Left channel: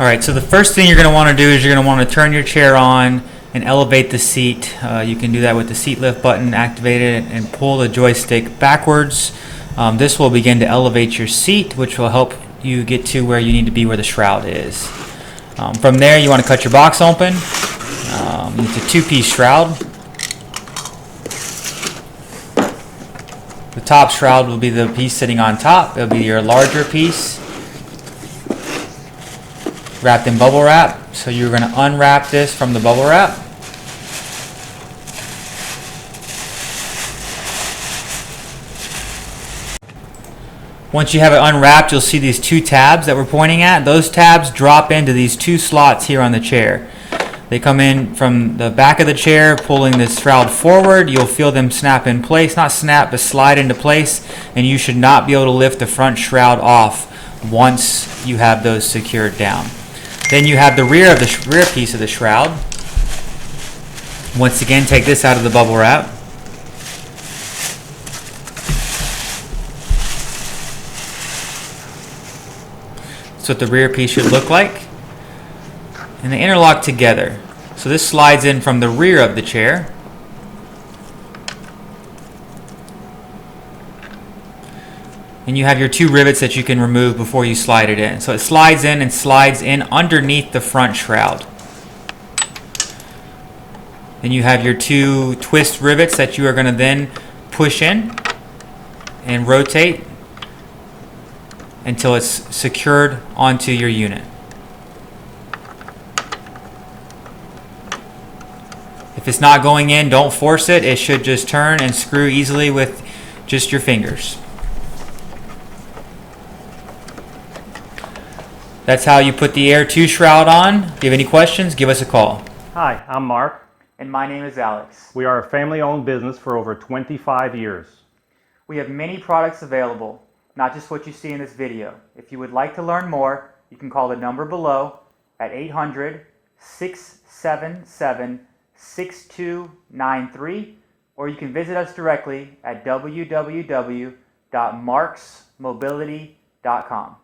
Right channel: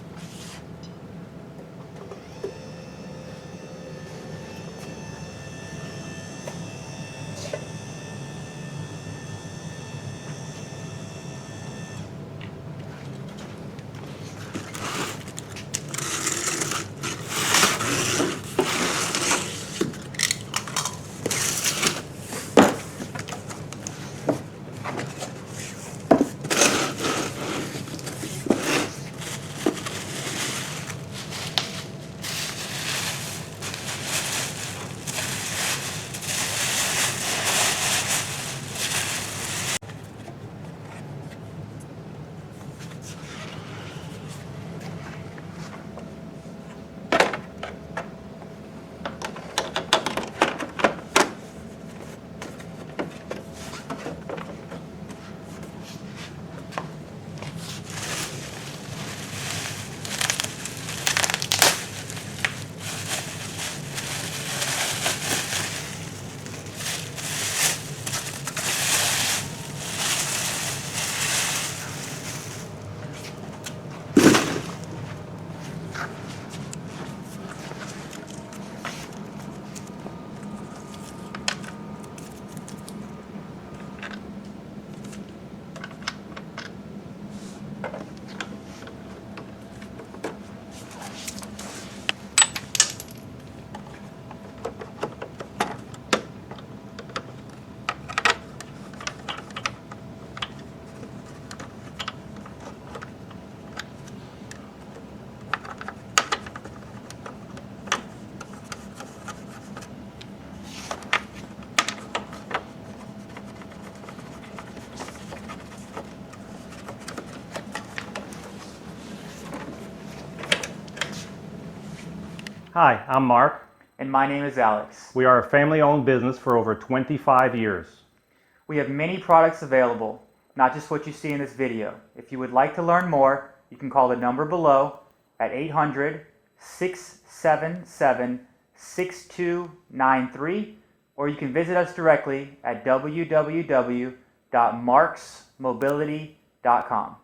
Alright, so the first thing you're going to want to do is you're going to want to turn your chair on and elevate the seat. You can do that with the seat lift button activated and pull the joystick backwards. This will begin to elevate your seat, which will help you get to where you need to be, where the shroud is. From there, you want to cut your box open. It's a two-piece shroud. The top shroud will be the piece sitting on top. It'll be your larger piece, wrapped in bubble wrap. So you're going to unwrap this from the bubble wrap. Once you have it unwrapped, you'll see these two tabs that we're pointing at. Those tabs drop into these two slots here on the chair. They come in from the back of the chair, pulling this shroud forward. You'll feel them snap in place, not snap, but slide into place, and you should not be able to lift the front shroud off once you have those secured down. Then you have the rear piece of the shroud. Once again, take this out of the bubble wrap. That's what the rear piece should look like. And they interlock together. So this slides in from the rear of the chair. And you have your two rivets that you can remove before you slide it in. So it slides in and slides in underneath the front shroud. Then you have your two twist rivets that you are going to then push in and rotate until it's secured onto your unit. If it's not going in, don't force it. It should just turn and screw easily with just your fingers. That's how you put the Air 2 shroud on. If you have any questions, give us a call. Hi, I'm Mark. And my name is Alex. We are a family-owned business for over 25 years. We have many products available, not just what you see in this video. If you would like to learn more, you can call the number below at 800-677-6293, or you can visit us directly at www.marcsmobility.com.